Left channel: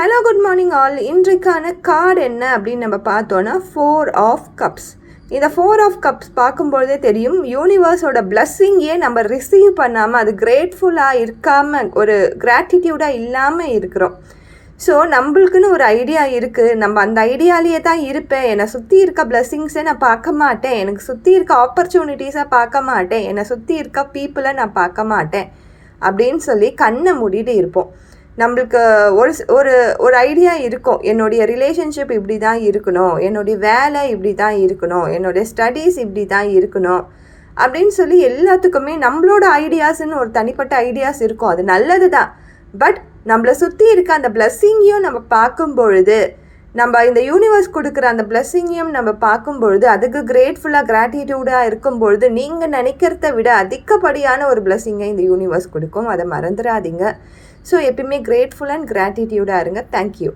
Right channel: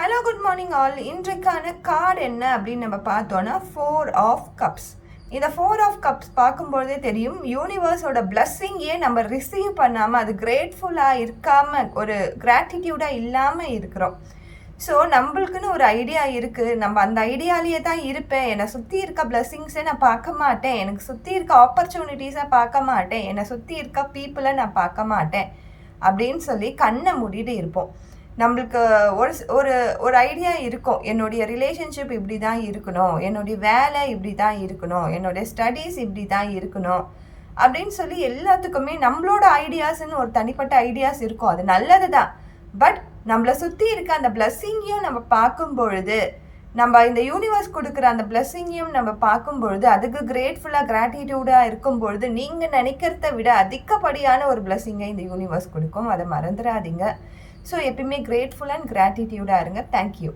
Hello good morning all. இன்றைக்கான card என்ன அப்படின்னு நம்ம பார்த்தோன்னா 4 ஆஃப் கப்ஸ். இந்த 4 ஆஃப் கப்ஸ் பார்க்கும்பொழுதே தெரியும் யூனிவர்ஸோட பிளஸ்ஸிங்கே நம்ம ரிசீவ் பண்ணாமல் அது கிரேட்ஃபுல்லாக இருக்காமல் ஒரு கிராட்டிடியூடாக இல்லாமல் இருக்கிறோம். ஸோ நம்மளுக்குன்னு ஒரு ஐடியா இருக்குது, நம்ம அந்த ஐடியாலேயே தான் இருப்பேன், என்னை சுற்றி இருக்க பிளஸ்ஸிங்ஸை நான் பார்க்க மாட்டேன், எனக்கு சுற்றி இருக்க ஆப்பர்ச்சுனிட்டிஸை பார்க்க மாட்டேன், என்னை சுற்றி இருக்க பீப்புளை நான் பார்க்க மாட்டேன் அப்படின்னு சொல்லி கண்ணை மூடிட்டு இருப்போம். நம்மளுக்கு ஒரு ஒரு ஒரு ஐடியா இருக்கும், என்னுடைய ரிலேஷன்ஷிப் இப்படி தான் இருக்கணும், என்னுடைய வேலை இப்படி தான் இருக்கணும், என்னுடைய ஸ்டடீஸ் இப்படி தான் இருக்கணும் அப்படின்னு சொல்லி எல்லாத்துக்குமே நம்மளோட ஐடியாஸ்ன்னு ஒரு தனிப்பட்ட ஐடியாஸ் இருக்கும். அது நல்லது தான். பட் நம்மளை சுற்றி இருக்க அந்த பிளஸ்ஸிங்கையும் நம்ம பார்க்கும் பொழுது, நம்ம இந்த யூனிவர்ஸ் கொடுக்குற அந்த பிளஸ்ஸிங்கையும் நம்ம பார்க்கும் பொழுது, அதுக்கு கிரேட்ஃபுல்லாக கிராட்டிடியூடாக இருக்கும் பொழுது நீங்கள் நினைக்கிறத விட அதிகப்படியான ஒரு பிளஸ்ஸிங்கை இந்த யூனிவர்ஸ் கொடுக்கும். அதை மறந்துடாதீங்க. ஸோ எப்பயுமே கிரேட்ஃபுல் அண்ட் கிராட்டிடியூடாக இருங்க. தேங்க்யூ.